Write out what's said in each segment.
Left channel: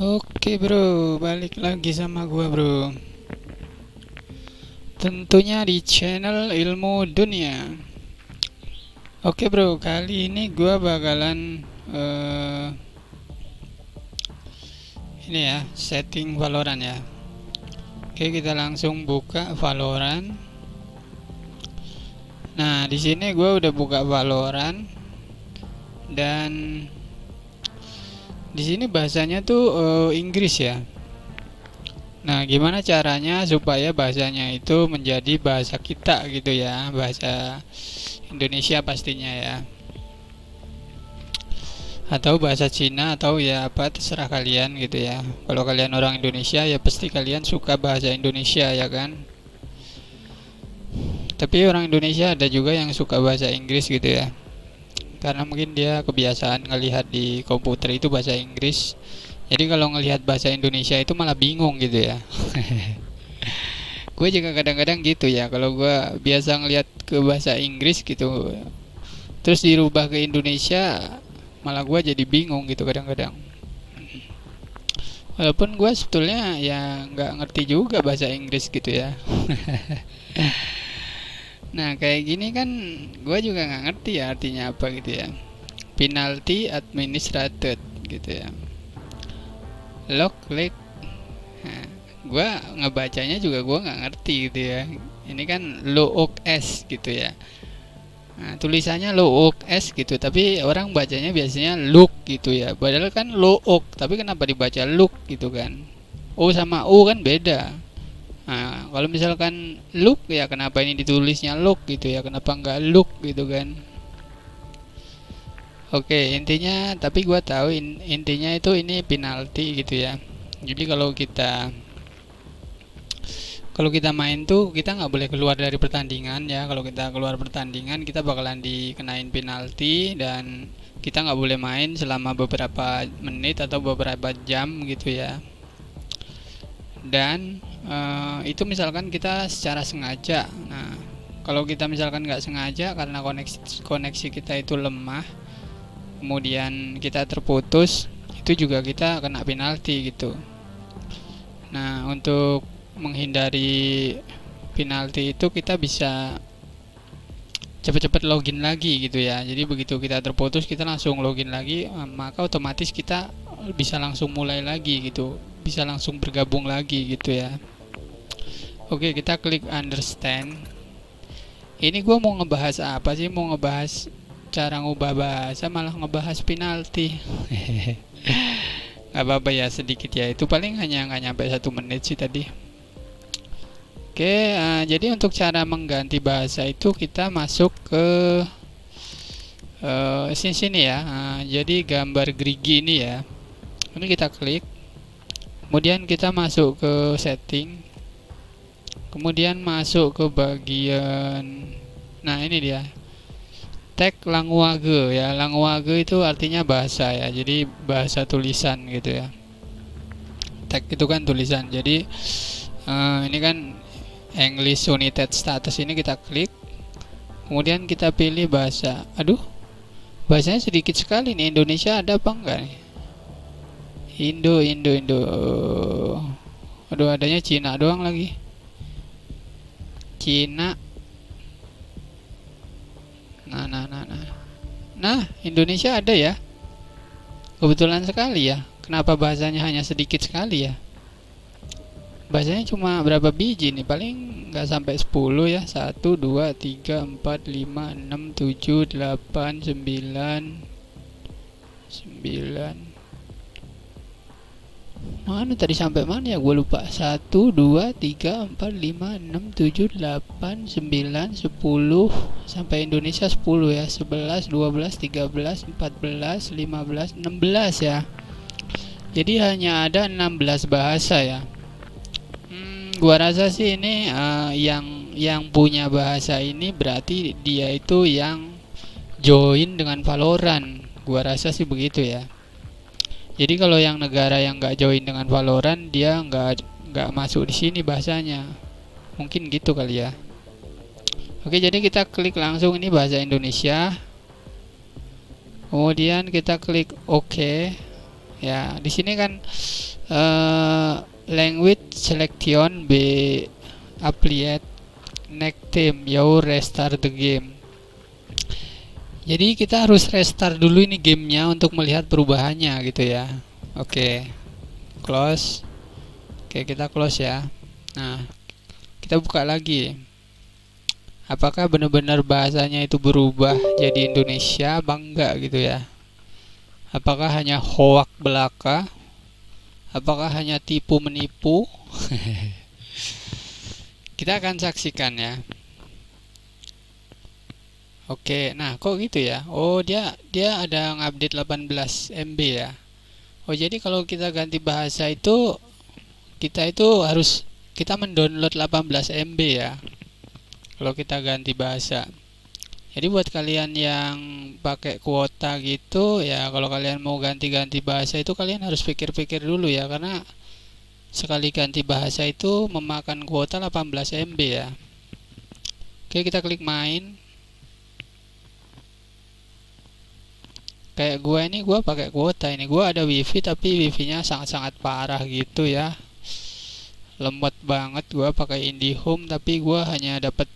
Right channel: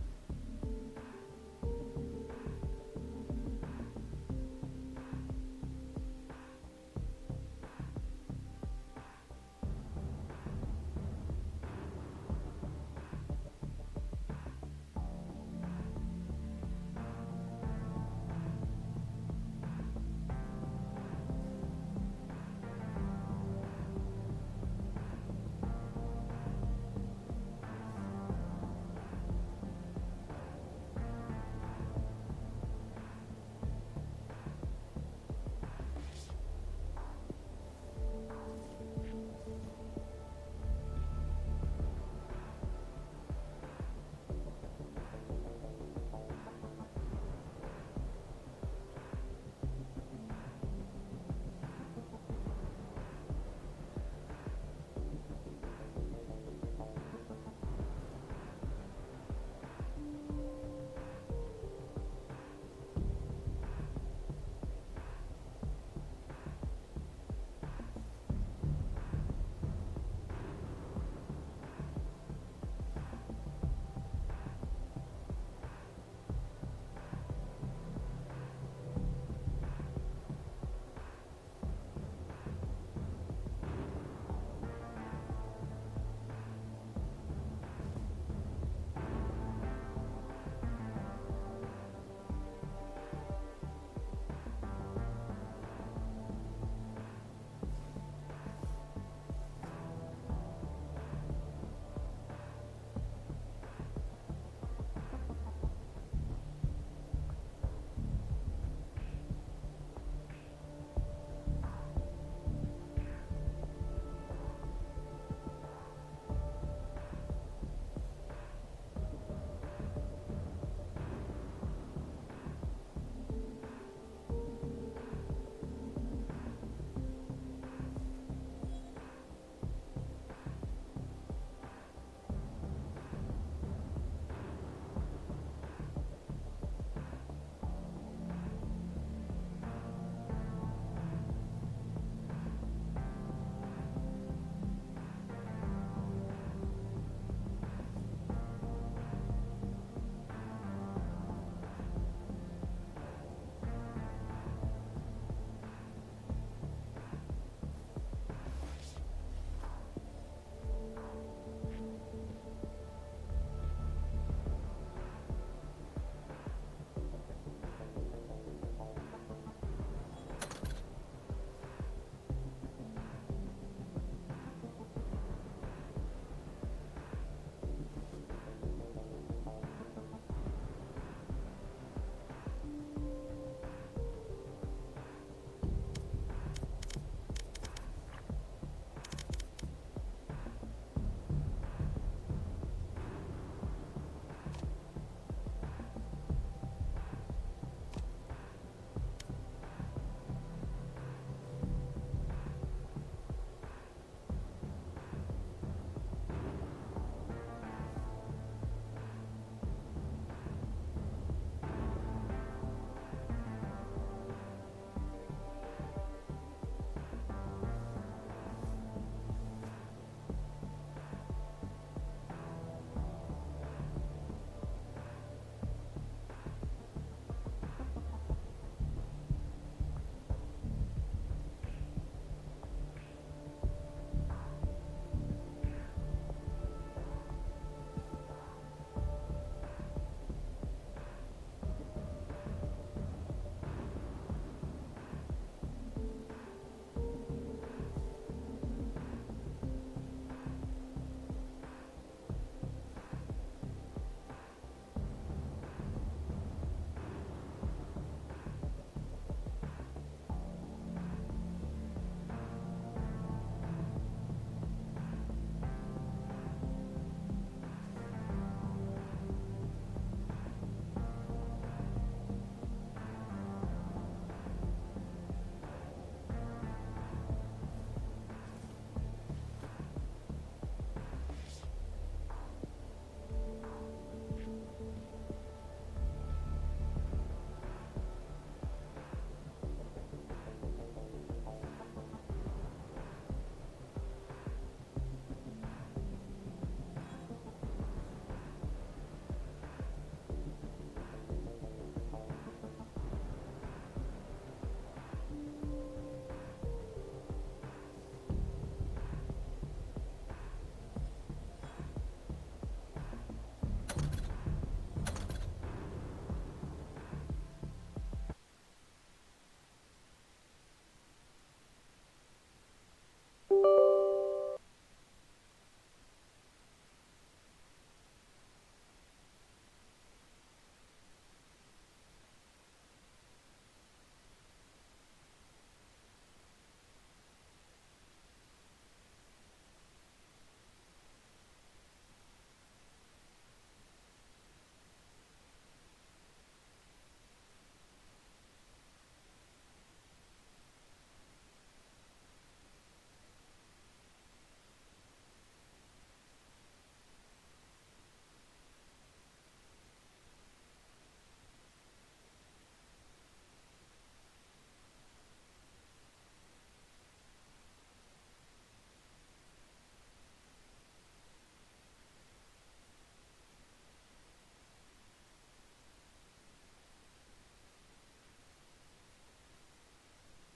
Oke bro, balik lagi sama gua bro. Tentunya di channel Ilmu Dunia. Oke bro, kali ini gua bakalan eh, ini ya, setting Valorant ya. Oke, kita langsung buka Valorant. Nah, di sini gua udah buka Valorant dan di sini bahasanya tuh Inggris ya. Nah, gimana caranya supaya bahasanya itu menjadi bahasa kita gitu ya, bahasa Indonesia pastinya ya, atau bahasa Cina atau ya apa terserah kalian gitu ya. Kalau kalian orang Indonesia ya pasti kalian suka bahasa Indonesia ya kan. Tapi orang Indonesia ada juga yang suka bahasa Inggris gitu ya. Karena mungkin dia kebiasaan ngelihat di komputer itu bahasa Inggris. Jadi kalau ngelihat bahasa Indonesia itu malah bingung gitu ya. Gue juga kadang-kadang gitu ya. Kalau gue biasa ngelihat ke bahasa Inggris gitu, terus dirubah ke Indonesia, malah gue jadi bingung gitu kadang-kadang. Walaupun gue sebetulnya ya nggak ngerti juga bahasa Inggris gitu ya. Nah kayak gini kan gue juga nggak ngerti ya artinya apa gitu ya. Penalty administrated gitu ya. Lock leg. Nah, gue ngebacanya juga gue nggak ngerti gitu ya. Ini kan look s gitu ya. Nah, tulisannya look s gitu, tapi orang bacanya biasanya look gitu ya. Padahal kan look, tapi kenapa dibaca look gitu kan? O sama U kan beda. Nah, kalau misalkan look ya kenapa ini ditulisnya look gitu ya? Kenapa nggak look gitu kan? Oke, intinya tapi gua tahu intinya itu ini penalti gitu ya. Jadi kalau kita main tuh kita nggak boleh keluar dari pertandingan ya. Kalau kita keluar pertandingan kita bakalan dikenain penalti dan kita nggak boleh main selama beberapa menit atau beberapa jam gitu ya. Dan itu misalkan kita secara sengaja. Nah, kalau kita misalkan nggak sengaja karena koneksi kita itu lemah, kemudian kita terputus, itu juga kita kena penalti gitu. Nah, untuk menghindari penalti itu kita bisa cepat-cepat login lagi gitu ya. Jadi begitu kita terputus kita langsung login lagi, maka otomatis kita bisa langsung mulai lagi gitu, bisa langsung bergabung lagi gitu ya. Oke, kita klik understand. Ini gue mau ngebahas apa sih? Mau ngebahas cara ngubah bahasa malah ngebahas penalti. Gak apa-apa ya, sedikit ya. Itu paling hanya nggak nyampe 1 menit sih tadi. Oke, jadi untuk cara mengganti bahasa itu kita masuk ke sini ya. Jadi gambar gerigi ini ya. Ini kita klik. Kemudian kita masuk ke setting. Kemudian masuk ke bagian, nah ini dia, tag language ya. Language itu artinya bahasa ya. Jadi bahasa tulisan gitu ya. Tag itu kan tulisan. Jadi ini kan English United Status, ini kita klik. Kemudian kita pilih bahasa. Aduh, bahasanya sedikit sekali nih. Indonesia ada apa enggak nih? Indo. Aduh, adanya Cina doang lagi. Cina. Nah, Indonesia ada ya. Kebetulan sekali ya. Kenapa bahasanya hanya sedikit sekali ya? Bahasanya cuma berapa biji nih? Paling nggak sampai 10 ya. 1, 2, 3, 4, 5, 6, 7, 8, 9. Mana tadi sampai mana ya? Gue lupa. 1, 2, 3, 4, 5, 6, 7, 8, 9, 10. Sampai Indonesia 10 ya. 11, 12, 13, 14, 15, 16 ya. Jadi hanya ada 16 bahasa ya. Gua rasa sih ini yang punya bahasa ini berarti dia itu yang join dengan Valorant. Gua rasa sih begitu ya. Jadi kalau yang negara yang nggak join dengan Valorant dia nggak masuk di sini bahasanya. Mungkin gitu kali ya. Oke, jadi kita klik langsung ini bahasa Indonesia. Kemudian kita klik OK. Ya, di sini kan language selection be applied next time you restart the game. Jadi kita harus restart dulu ini gamenya untuk melihat perubahannya gitu ya. Oke, close. Oke, kita close ya. Nah, kita buka lagi. Apakah benar-benar bahasanya itu berubah jadi Indonesia bangga gitu ya? Apakah hanya hoak belaka? Apakah hanya tipu menipu? Kita akan saksikan ya. Oke, nah kok gitu ya? Oh, dia ada ngupdate 18 MB ya. Oh, jadi kalau kita ganti bahasa itu kita mendownload 18 MB ya. Kalau kita ganti bahasa. Jadi buat kalian yang pakai kuota gitu ya, kalau kalian mau ganti-ganti bahasa itu kalian harus pikir-pikir dulu ya, karena sekali ganti bahasa itu memakan kuota 18 MB ya. Oke, kita klik main. Kayak gua pakai kuota ini. Gua ada wifi tapi wifi-nya sangat-sangat parah gitu ya. Lemot banget. Gua pakai IndiHome tapi gua hanya dapat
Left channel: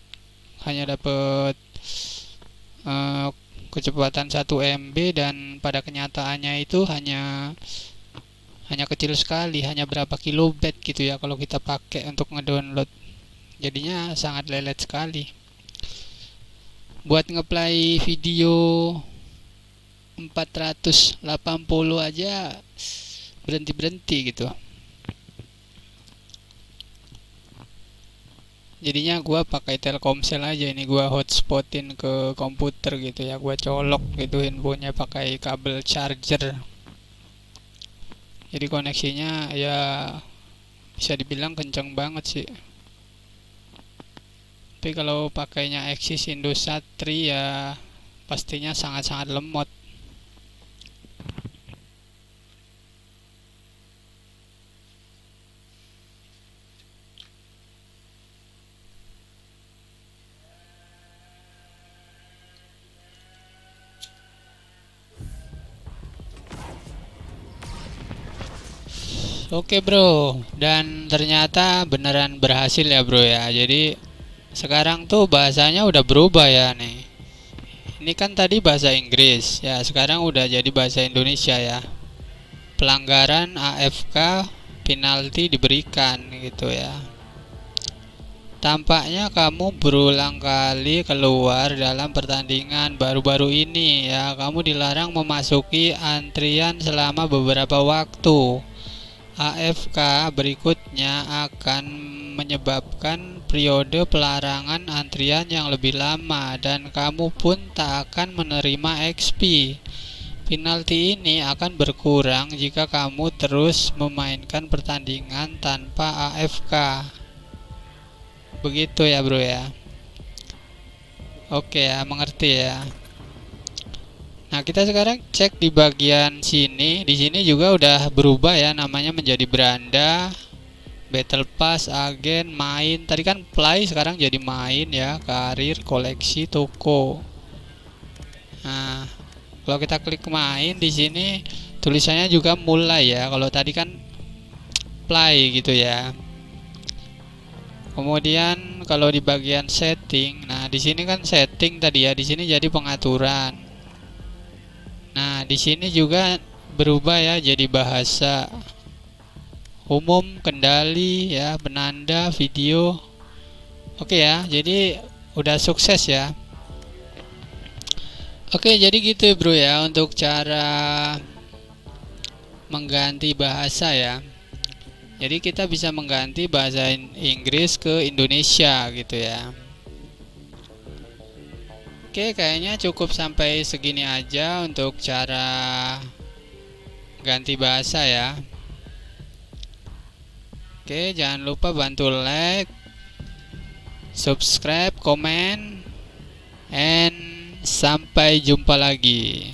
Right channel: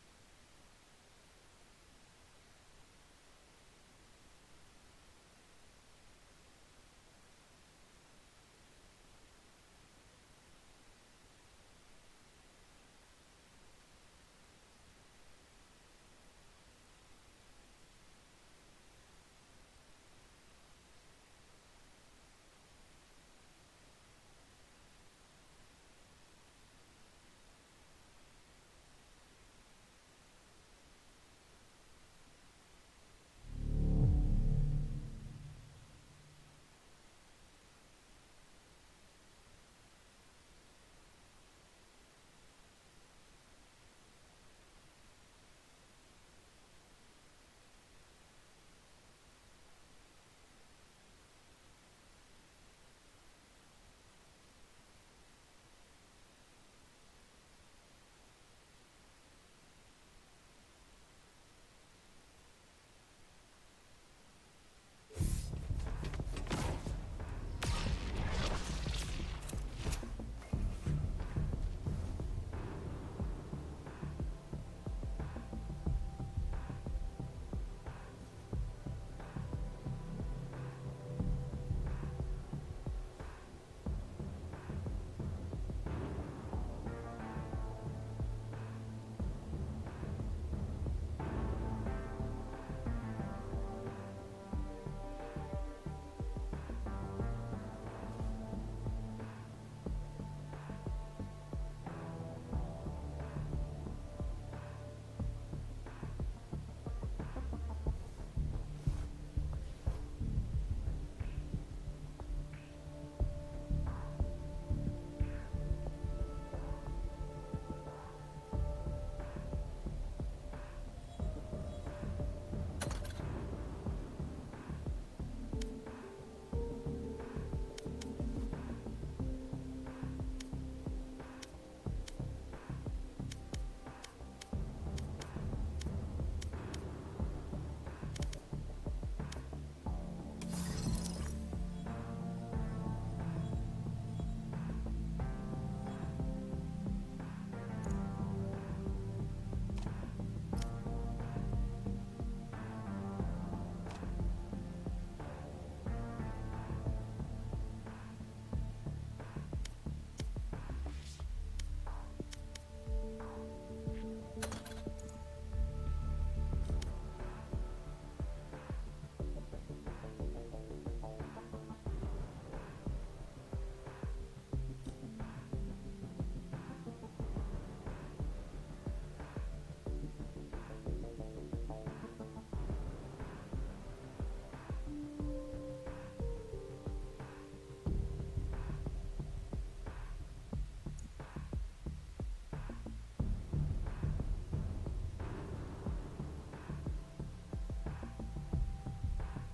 kecepatan 1 MB dan pada kenyataannya itu hanya kecil sekali, hanya berapa kilobit gitu ya kalau kita pakai untuk ngedownload. Jadinya sangat lelet sekali. Buat ngeplay video 480 aja berhenti-berhenti gitu. Jadinya gua pakai Telkomsel aja, ini gua hotspotin ke komputer gitu ya, gua colok gitu handphonenya pakai kabel charger. Jadi koneksinya ya bisa dibilang kenceng banget sih. Tapi kalau pakainya Axis Indosat Tri ya pastinya sangat-sangat lemot. Oke bro, dan ternyata beneran berhasil ya bro ya. Jadi sekarang tuh bahasanya udah berubah ya nih. Ini kan tadi bahasa Inggris ya, sekarang udah jadi bahasa Indonesia ya. Pelanggaran AFK penalti diberikan gitu ya. Tampaknya kamu berulang kali keluar dalam pertandingan baru-baru ini ya. Kamu dilarang memasuki antrian selama beberapa waktu. AFK berikutnya akan menyebabkan periode pelarangan antrian yang lebih lama dan kamu pun tak akan menerima XP. Penalti ini akan berkurang jika kamu terus memainkan pertandingan tanpa AFK. Begitu ya bro ya. Oke ya, mengerti ya. Nah, kita sekarang cek di bagian sini. Di sini juga udah berubah ya, namanya menjadi beranda, battle pass, agen, main. Tadi kan play, sekarang jadi main ya, karir, koleksi, toko. Nah, kalau kita klik main di sini tulisannya juga mulai ya. Kalau tadi kan play gitu ya. Kemudian kalau di bagian setting, nah di sini kan setting tadi ya, di sini jadi pengaturan. Nah, di sini juga berubah ya jadi bahasa umum, kendali ya, penanda, video. Oke ya, jadi udah sukses ya. Oke, jadi gitu bro ya untuk cara mengganti bahasa ya. Jadi kita bisa mengganti bahasa Inggris ke Indonesia gitu ya. Oke, kayaknya cukup sampai segini aja untuk cara ganti bahasa ya. Oke, jangan lupa bantu like, subscribe, komen, and sampai jumpa lagi.